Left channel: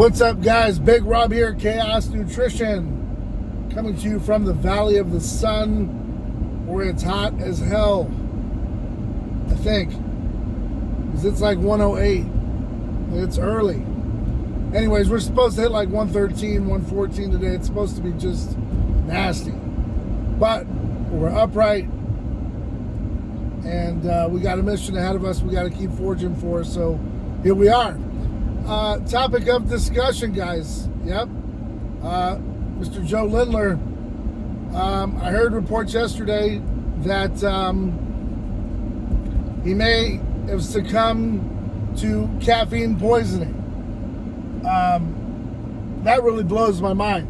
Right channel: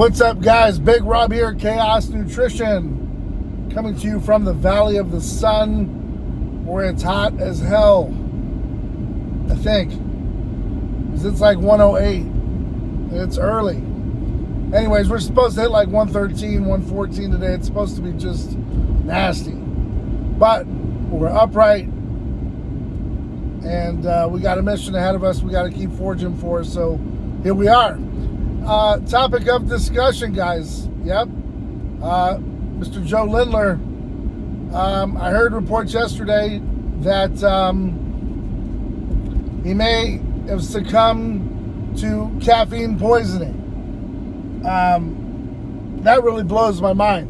What's up, guys? Big Rob here, Chaos Nutrition, coming to you from the Valley of the Sun, where it's hot as hell, I think, because it's like 108, and it's early. Anyways, we're supposed to hit like 113, 114 today. It's supposed to be just nasty, but we're upright, and we got a mission ahead of us we got to keep forging for, so here we are. Topic of discussion, guys. Yep. Mr. Joe Lindner. I heard reports yesterday that he may have succumbed to caffeine poisoning. That really blows my mind.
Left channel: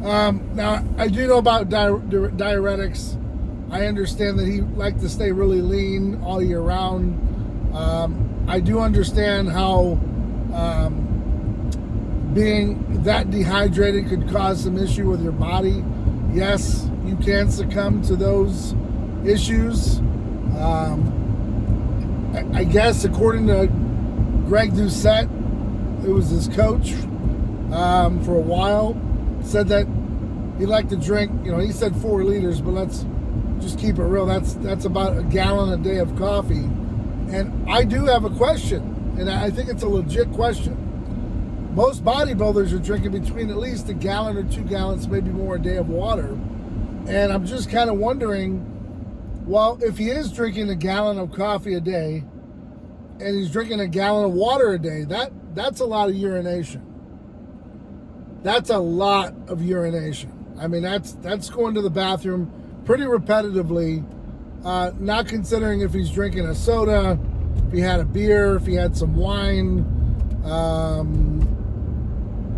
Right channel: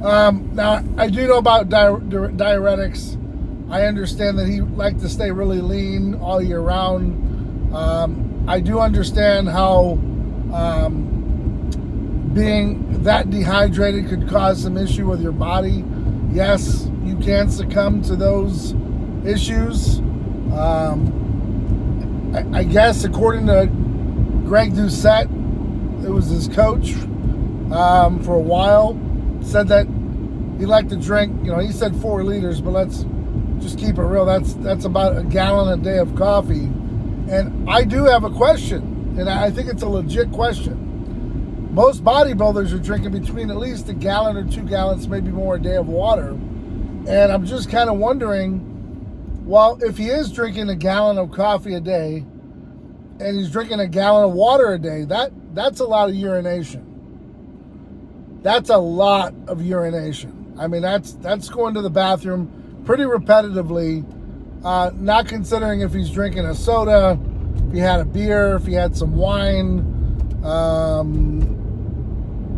Now, I do know about diuretics. I understand that he liked to stay really lean all year round. I do understand how being that dehydrated could cause some issue with your body. Yes, you can succumb to those issues. I guess according to Greg Doucette, it was his coach for a while, said that he liked to drink, he said 4 liters, but let's just keep it real. That's about a gallon a day of coffee. And I do have a question, and I think it's a legit question. Most bodybuilders are drinking between at least a gallon or 2 gallons, maybe more a day of water. And I'm just kind of wondering, well, if he is drinking a gallon of coffee a day and he's drinking a gallon of water a day, that's a lot of urination. That's a lot of urination. I mean, that's going to the bathroom pretty repetitively. Not considering if he's drinking a soda, if he had a beer, if he had some wine,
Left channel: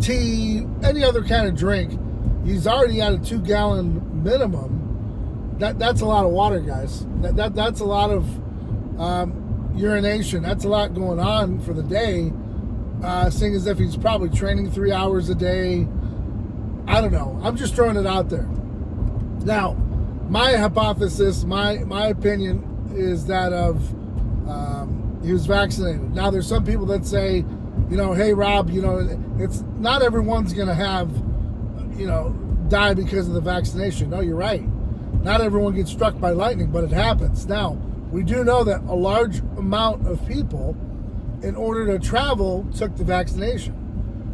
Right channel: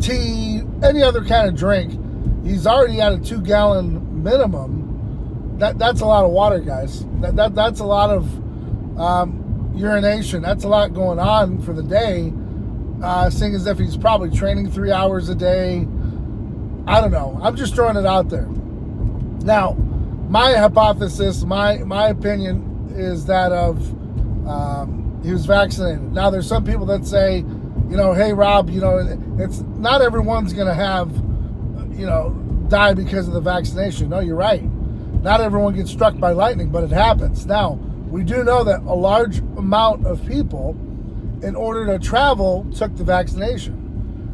tea, any other kind of drink. He's already at a 2-gallon minimum. That's a lot of water, guys. That's a lot of urination. That's a lot going on for the day. Seeing as if he's probably training 3 hours a day. I don't know. I'm just throwing it out there. Now, my hypothesis, my opinion is that of he was vaccinated. Now, there's some people that say, hey, Rob, it's not everyone's going to have, die because of the vaccination. No, you're right. Not everyone gets struck by lightning, but it happens. Now, we do know that a large amount of people, in order to travel, took the vaccination.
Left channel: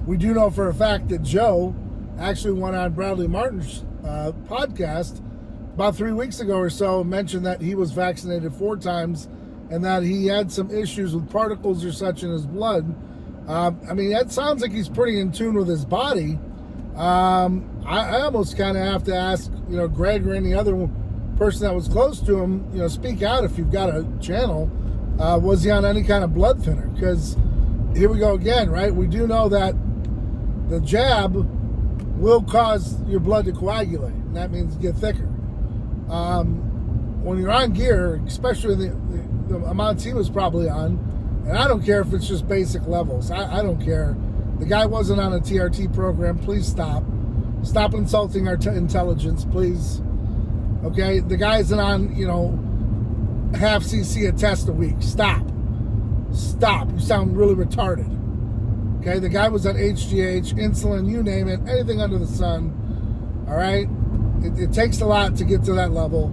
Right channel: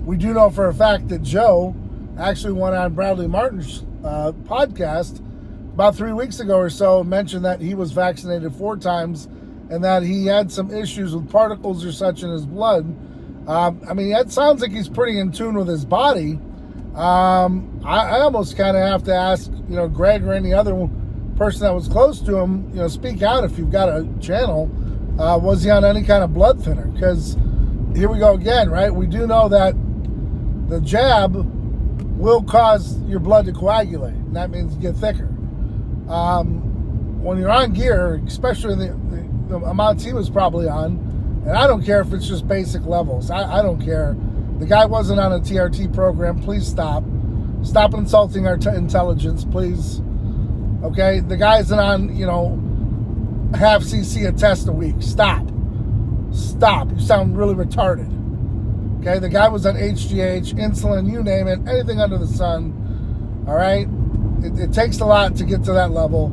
We do know for a fact that Joe actually went on Bradley Martin's podcast about 3 weeks ago or so, mentioned that he was vaccinated 4 times and that he had some issues with particles or such in his blood. I mean, that sounds like he's pretty in tune with his body. I almost kind of have to ask, Greg or any other person that was close to him, speak out if you've got a channel. Was he on any kind of blood thinner? Because here we go again, right? We do know that the jab will cause your blood to coagulate, and that means get thicker. When you're on gear, especially the amounts he was probably on, and I don't care if it's just basic levels. I don't care. The guy wasn't on a TRT program. Please stop. Stop insulting our intelligence, please. Okay? The guy isn't on, half cc a test a week. Stop. You sound really retarded. Okay? The guy was on HGH, insulin, you name it, anything under the sun. All right? It takes a lot to get to that level.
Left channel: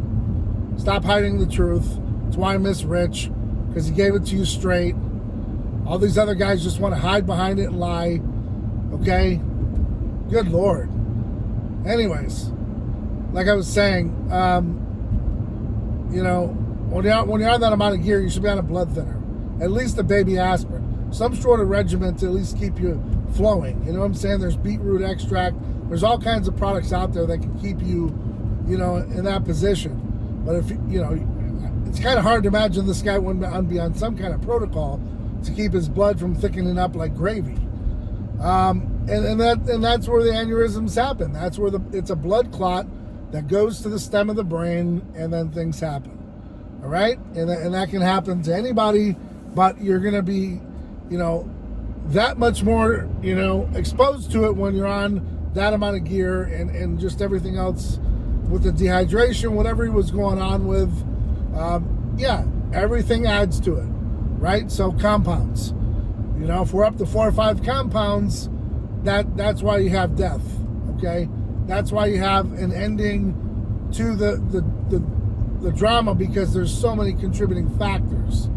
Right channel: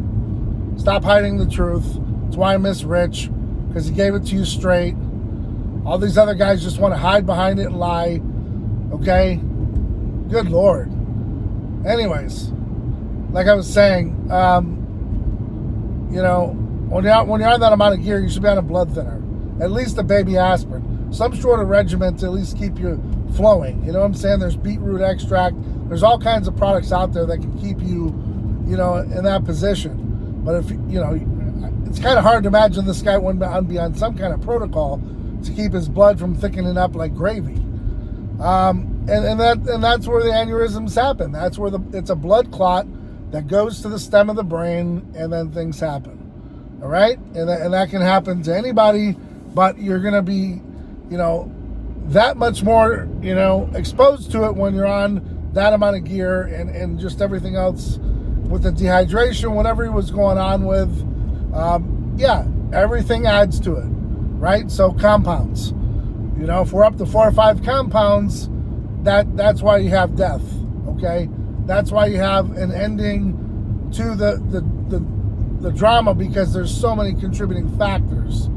Stop hiding the truth. That's why I miss Rich, because he gave it to you straight. All these other guys just want to hide behind it and lie. Okay? Good Lord. Anyways, like I was saying, when you're on that amount of gear, you should be on a blood thinner. At least a baby aspirin. Some sort of regimen to at least keep you flowing. You know what I'm saying? There's beetroot extract. There's all kinds of products out there that can keep you, in that position. But if, it's kind of hard to imagine this guy wouldn't be on some kind of protocol to keep his blood from thickening up like gravy. And that's where the aneurysms happen. That's where it's a blood clot that goes to the stem of the brain, and then things happen. All right? And that can happen to anybody, but you're going to be, that much more, exposed to it when you're on that amount of gear and just everything else with the dehydration, whatever he was going on with. Everything adds to it, right? So compounds. You know, if we're up to 4 or 5 compounds, that's why you have death, okay? That's why you have an ending to the drama, because there's so many contributing factors,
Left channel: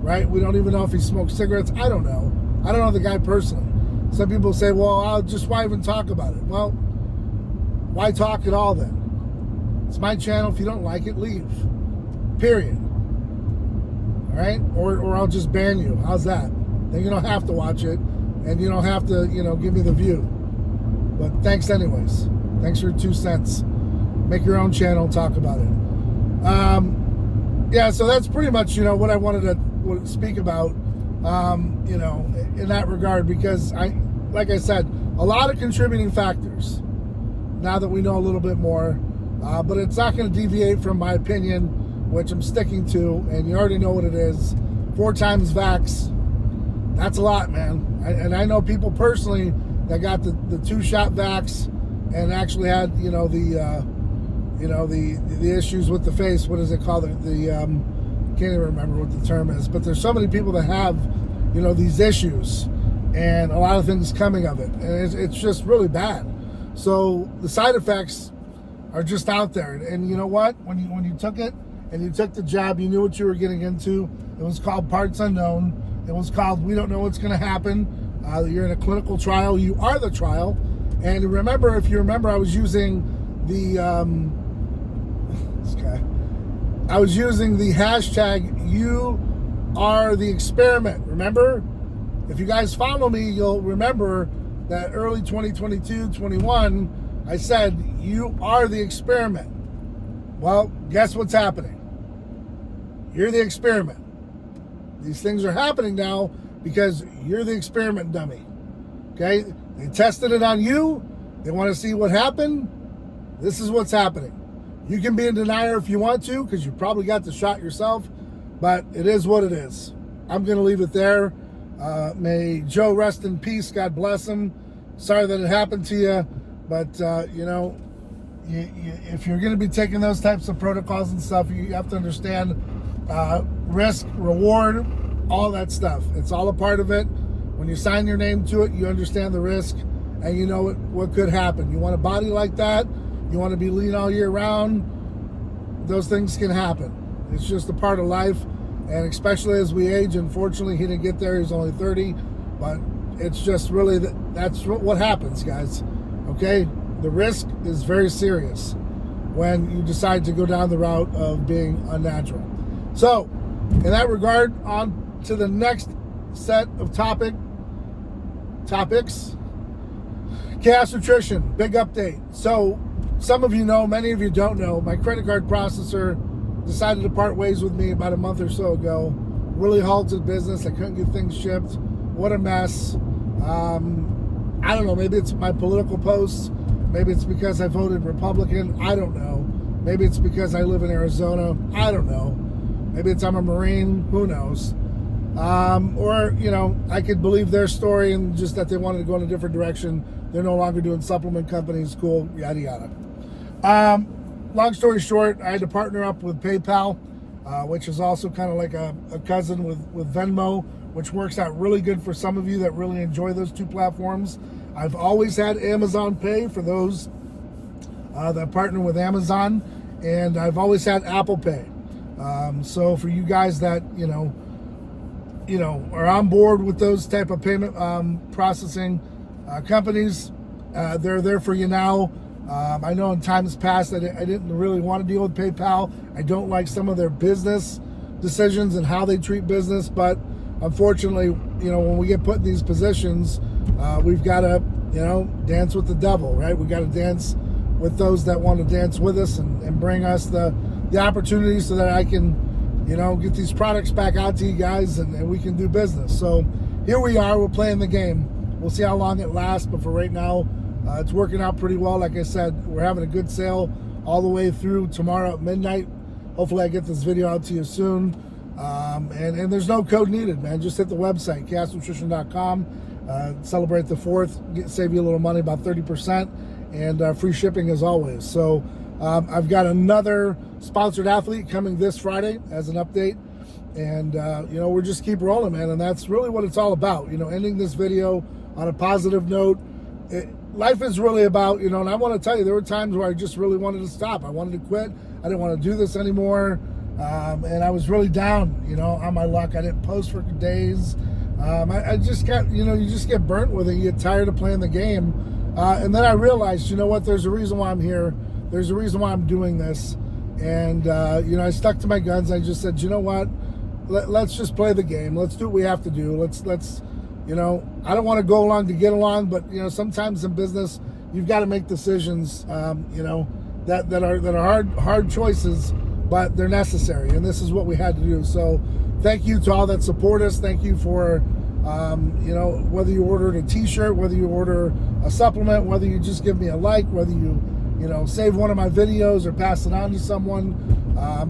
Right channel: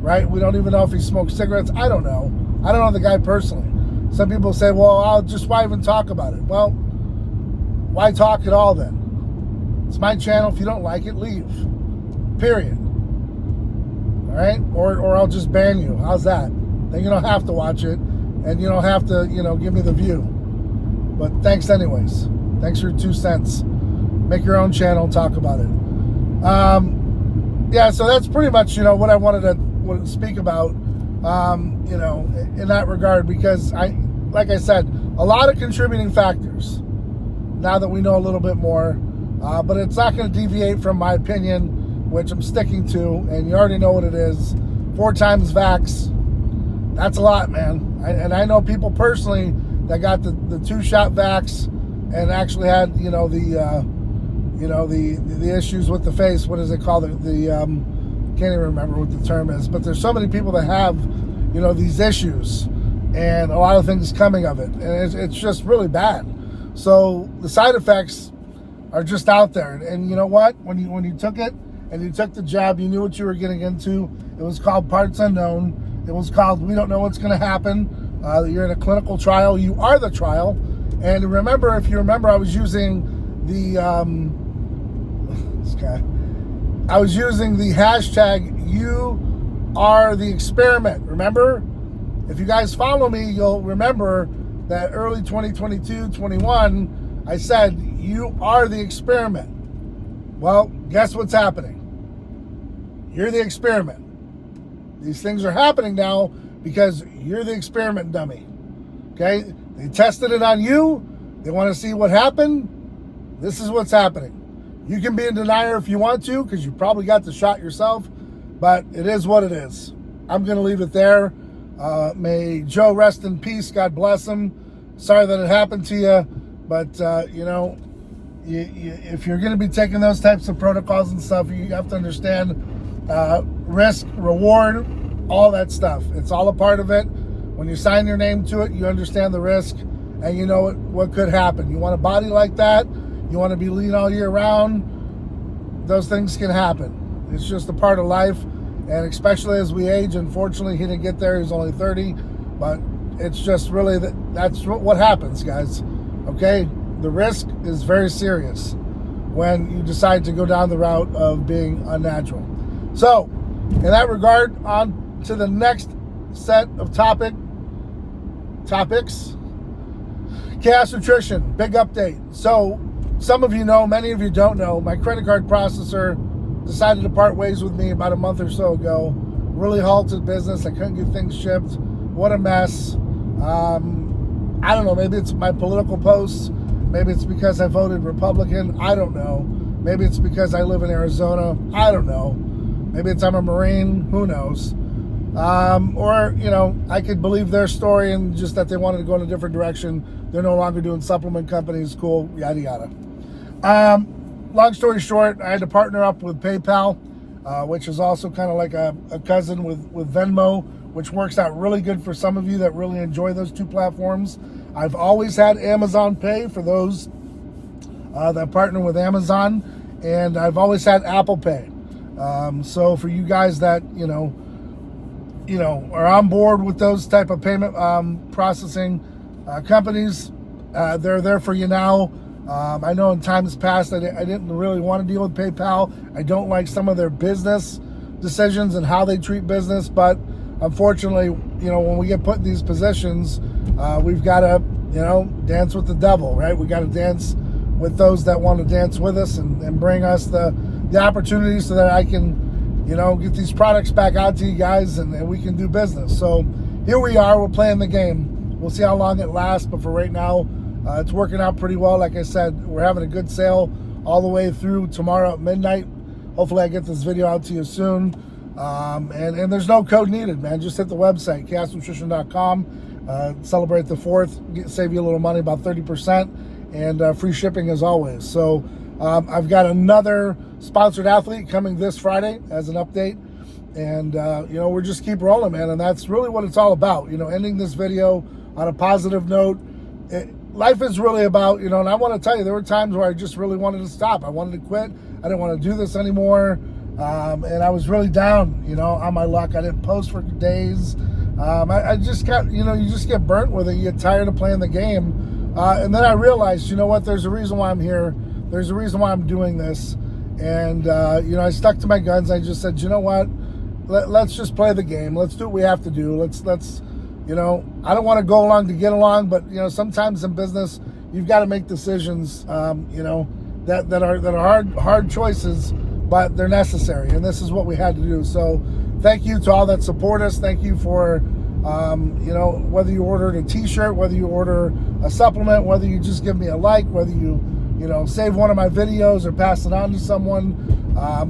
right? We don't even know if he smoked cigarettes. I don't know. I don't know the guy personally. Some people say, well, why even talk about it? Well, why talk at all then? It's my channel. If you don't like it, leave. Period. All right? Or I'll just ban you. How's that? Then you don't have to watch it, and you don't have to, give me the view. But thanks anyways. Thanks for your 2 cents. Make your own channel and talk about it. Yeah, so that's pretty much, what I wanted to speak about, in that regard, because like I said, a lot of contributing factors now that we know a little bit more, but it's not going to deviate from my opinion, which I'm sticking to, and you already know what it is. 4 times vax. That's a lot, man. And I know people personally that got the 2-shot vax and actually had, the issues with the face. What is it called? Can't even remember what the term is. But there's so many people that have, these issues, and a lot of things coming of it, and it's just really bad. So the side effects are just out there. And you know what? When you took it and you took the jab, you knew what you were getting into. It was called parts unknown. It was called we don't know what's going to happen. You're in a clinical trial. You are the trial. And remember, if you remember, I was using the I was using the hashtag you are the experiment. Remember? If you guys follow me, you'll remember that early 2022, 21, I said, you are the experiment. Well, guess what's happening? You're the experiment. These things are happening now because you're the experiment dummy. Okay? They tested it on you. They want to see what happened. This is what's happening. You can be in denial if you want to, because you probably got the shot yourself, but it is what it is. I'm going to leave it there. May Joe rest in peace. God bless him. Sorry that it happened to you, but if you're going to be taking those types of protocols and stuff, you have to understand risk, reward, all that stuff. It's all a part of it. When you sign your name to it, you understand the risk, and you know what could happen. You want a body like that, you want to be lean all year round, those things can happen. It's just a part of life, and especially as we age. Unfortunately, he didn't get there. He's only 30, but it's just really that's what happens, guys. Okay? The risk is very serious when you decide to go down the route of being unnatural. So, in that regard, on to the next set of topics. Chaos Nutrition, big update. So, some of you know, many of you don't know, my credit card processor decided to part ways with me about a month or so ago. Really halted business. I couldn't get things shipped. What a mess. I don't know, maybe it's my political posts. Maybe it's because I voted Republican. I don't know. Maybe it's because I live in Arizona. I don't know. Maybe it's I'm a Marine. Who knows? Or, I could believe their story and just that they wanted to go in a different direction. They're no longer doing supplement companies. Cool, yada, yada. Long story short, I had to partner up with PayPal, which is also kind of like a cousin with Venmo, which works out really good for some of you that really enjoy those 2 platforms. I've always had Amazon Pay for those that partner with Amazon, and I've always had Apple Pay. So for you guys that are on board with those type of payment processing companies, they're there for you now. I know in times past I didn't really want to deal with PayPal. I don't like some of their business decisions and how they treat business, but unfortunately, when we get put in these positions, we've got to, dance with the devil, right? We got to dance with those that want to dance with us and bring us the opportunities so that I can, get these products back out to you guys and we can do business. So here we are, we're playing the game. We'll see how long it lasts, but for right now, it's working out pretty well. Like I said, we're having a good sale all the way through tomorrow at midnight. Hopefully I get this video out to you soon. And there's no code needed, man. Just hit the website, chaosnutrition.com. Celebrate the 4th, save you a little money, about 30%, and free shipping as always. So I've got another sponsored athlete coming this Friday as an update, And, we're just keep rolling, man. And that's really what it's all about. Ending this video on a positive note. Life is really about, and I want to tell you, there were times where I just really wanted to stop. I wanted to quit. I didn't want to do this anymore. And I was really down, on my luck. I didn't post for days. I just got, you just get burnt with it. You get tired of playing the game. And then I realized, what? There's a reason why I'm here. There's a reason why I'm doing this. And, I stuck to my guns. I just said, you know what? Let's just play the game. Let's do what we have to do. Let's I don't want to go along to get along, but, sometimes in business, you've got to make decisions, that are hard choices, but they're necessary. And this is what we had to do. So thank you to all that support us. Thank you for, whether you ordered a t-shirt, whether you order a supplement, whether you just give me a like, whether you, save one of my videos or pass it on to someone,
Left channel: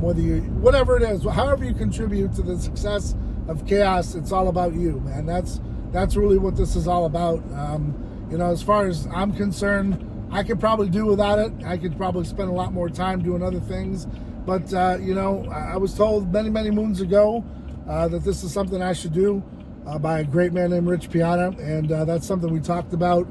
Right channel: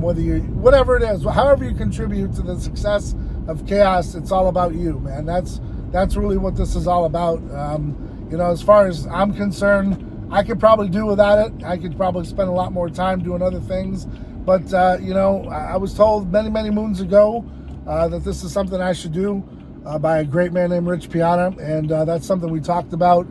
whatever it is, however you contribute to the success of Chaos, it's all about you, man. That's really what this is all about. As far as I'm concerned, I could probably do without it. I could probably spend a lot more time doing other things. But, I was told many, many moons ago that this is something I should do by a great man named Rich Piana. And that's something we talked about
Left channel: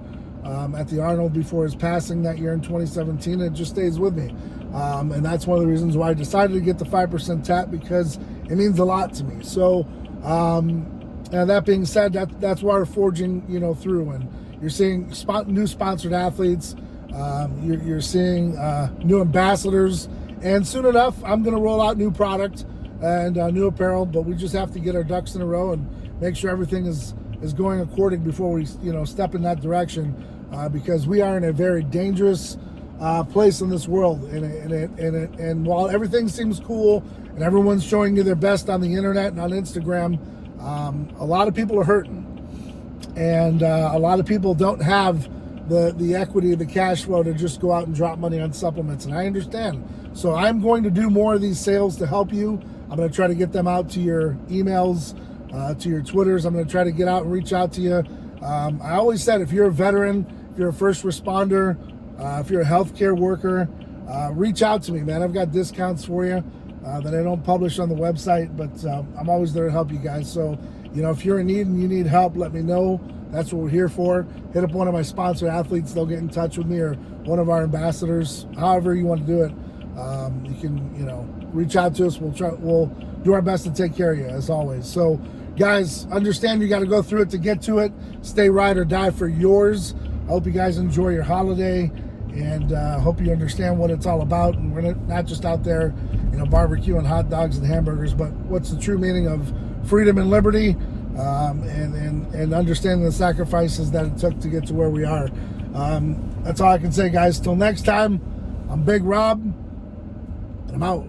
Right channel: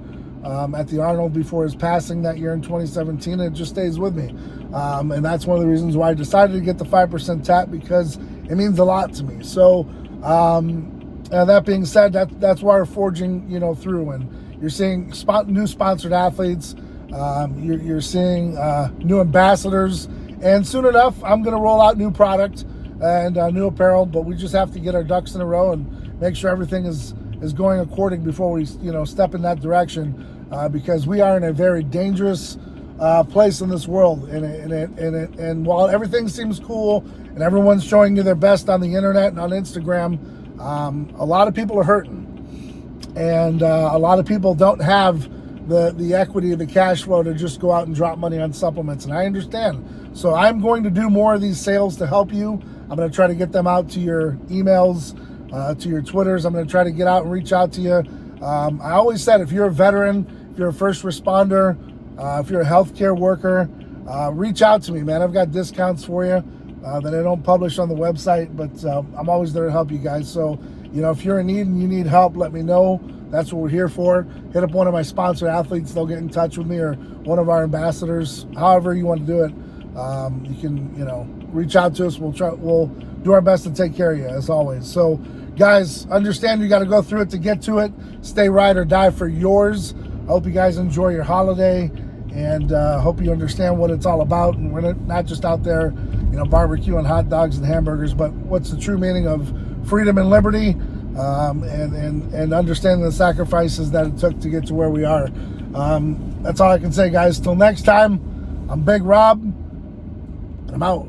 at the Arnold before his passing that year in 2017. And it just stays with me. And that's one of the reasons why I decided to get the 5% tap, because it means a lot to me. So, and that being said, that's why we're forging, through. And you're seeing new sponsored athletes. You're seeing new ambassadors. And soon enough, I'm going to roll out new product and new apparel. But we just have to get our ducks in a row and make sure everything is going according before we, step in that direction. Because we are in a very dangerous place in this world. And while everything seems cool and everyone's showing you their best on the internet and on Instagram, a lot of people are hurting, and a lot of people don't have the equity, the cash flow to just go out and drop money on supplements. And I understand. So I'm going to do more of these sales to help you. I'm going to try to get them out to your emails, to your Twitters. I'm going to try to get out and reach out to you. I always said, if you're a veteran, if you're a first responder, if you're a healthcare worker, reach out to me, man. I've got discounts for you that I don't publish on the website, but I'm always there to help you guys. So, if you're in need and you need help, let me know. That's what we're here for. Hit up one of my sponsored athletes. They'll get in touch with me, or one of our ambassadors. However you want to do it, you can, reach out to us. We'll do our best to take care of you, as always. So, guys, understand you got to go through it to get to it. Stay ride or die for yours. I hope you guys enjoy your holiday, and hope you understand what it's all about. And we're not just out there, barbecuing hot dogs and hamburgers, but what's the true meaning of freedom and liberty, and understanding the sacrifices that it took to get to where we are. That's all I can say, guys. Till next time, I'm Big Rob, and I'm out.